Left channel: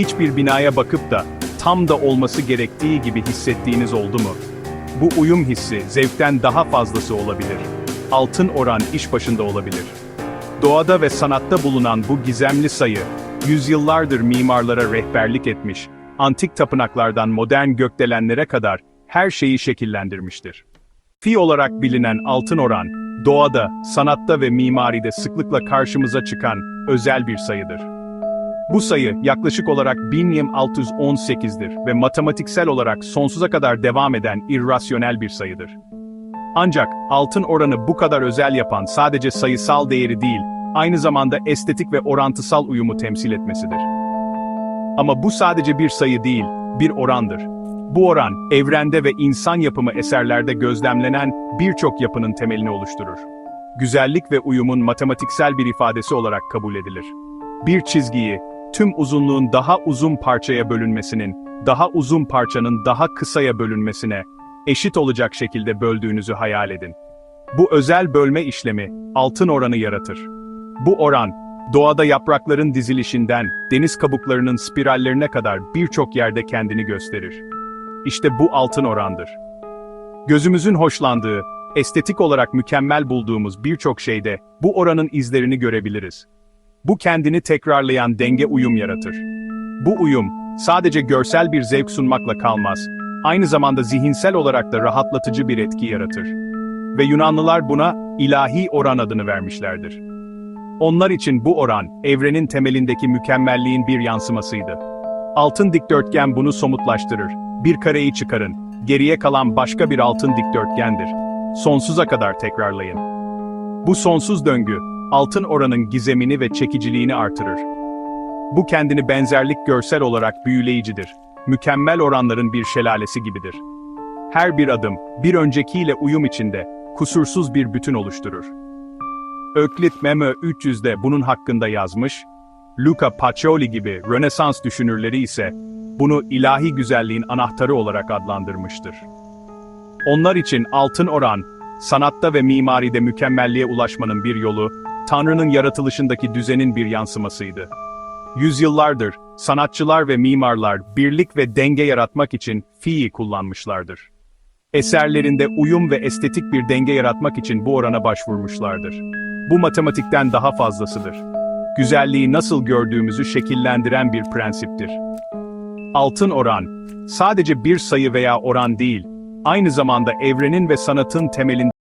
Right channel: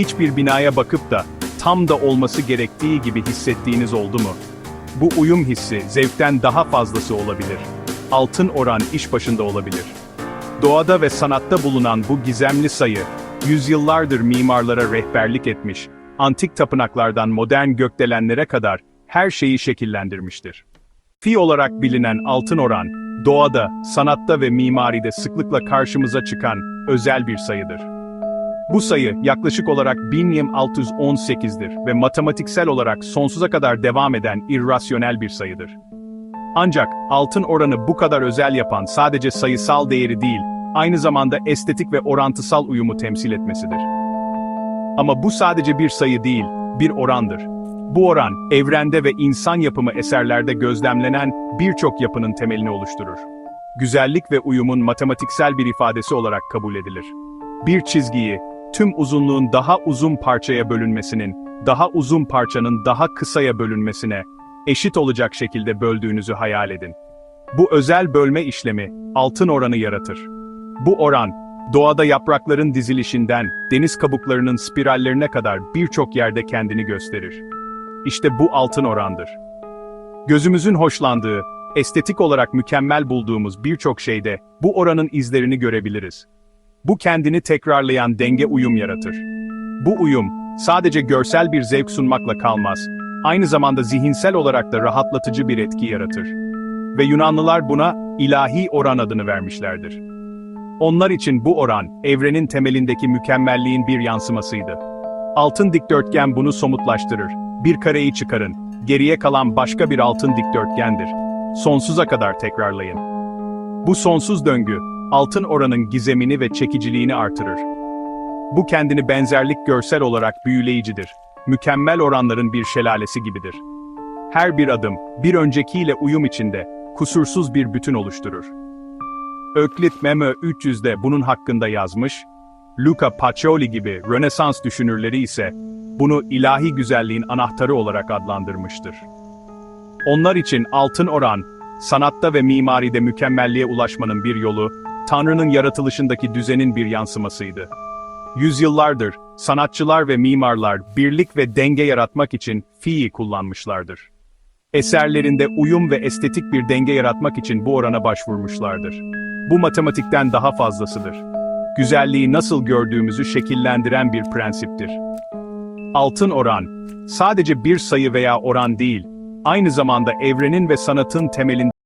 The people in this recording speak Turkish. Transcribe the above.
Hiçbir binaya bakıp da tam da olması gerektiği gibi hissettiğiniz oldu mu? Bu uyum hissi zevkten daha fazlası olabilir. Altın oran iş başında olabilir. Doğada ve sanatta bulunan bu gizemli sayı, yüzyıllardır mimarlara rehberlik etmiş, antik tapınaklardan modern gökdelenlere kadar her şeyi şekillendirmiştir. Fi olarak bilinen altın oran, doğada, sanatta ve mimaride sıklıkla karşımıza çıkan özel bir sayıdır. Bu sayı yaklaşık olarak 1618'dir ve matematiksel olarak sonsuza kadar devam eden irrasyonel bir sayıdır. Ancak altın oranı bu kadar özel yapan sadece sayısal değeri değil, aynı zamanda estetik ve orantısal uyumu temsil etmesidir. Ama bu sadece bir sayı değil, bir orandır. Bu oran, evrende ve insan yapımı eserlerde gözlemlenen birçok yapının temelini oluşturur. Güzellik ve uyumun matematiksel bir ifadesi olarak kabul edilir. Bir çizgiyi, tüm uzunluğun daha uzun parçaya bölünmesinin, daha uzun parçanın daha kısaya bölünmesine, eşit olacak şekilde böldüğünüzü hayal edin. Bu özel bölme işlemi, altın oranı yaratır. Bu oran, doğada yaprakların dizilişinden, deniz kabuklarının spirallerine kadar birçok yerde kendini gösterir. İşte bu altın orandır. Gözümüzün hoşlandığı, estetik olarak mükemmel bulduğumuz birçok şeyde bu oranın izlerini görebiliriz. Bu kendini tekrarlayan denge uyum yaratır. Bu uyum, sadece görsel bir zevk sunmakla kalmaz, aynı zamanda zihinsel olarak da rahatlatıcı bir etki yaratır. Ve Yunanlılar buna ilahi oran adını vermişlerdir. Onlar için bu oran, evrenin temelindeki mükemmelliğin bir yansımasıydı. Altın dikdörtgen bunu somutlaştırır. Bir kareyi çıkarın, geriye kalan başka bir altın dikdörtgendir. Sonsuza kadar tekrarlayın. Bu sonsuz döngü, altın oranın gizemini ve çekiciliğini artırır. Bu kendini benzerlik görsel olarak büyüleyicidir. Mükemmel oranların bir şelalesi gibidir. Her bir adım, bir öncekiyle uyum içinde, kusursuz bir bütün oluşturur. Öklit Memo 300'de bunun hakkında yazmış, Luca Pacioli gibi Rönesans düşünürleri ise bunu ilahi güzelliğin anahtarı olarak adlandırmıştır. Onlar için altın oran, sanatta ve mimaride mükemmelliğe ulaşmanın bir yolu, Tanrı'nın yaratılışındaki düzenin bir yansımasıydı. Yüzyıllardır, sanatçılar ve mimarlar birlik ve denge yaratmak için fi'yi kullanmışlardır. Eserlerinde uyum ve estetik bir denge yaratmak için bu orana başvurmuşlardır. Bu matematikten daha fazlasıdır. Güzelliği nasıl gördüğümüzü şekillendiren bir prensiptir. Altın oran, sadece bir sayı veya oran değil, aynı zamanda evrenin ve sanatın temelinde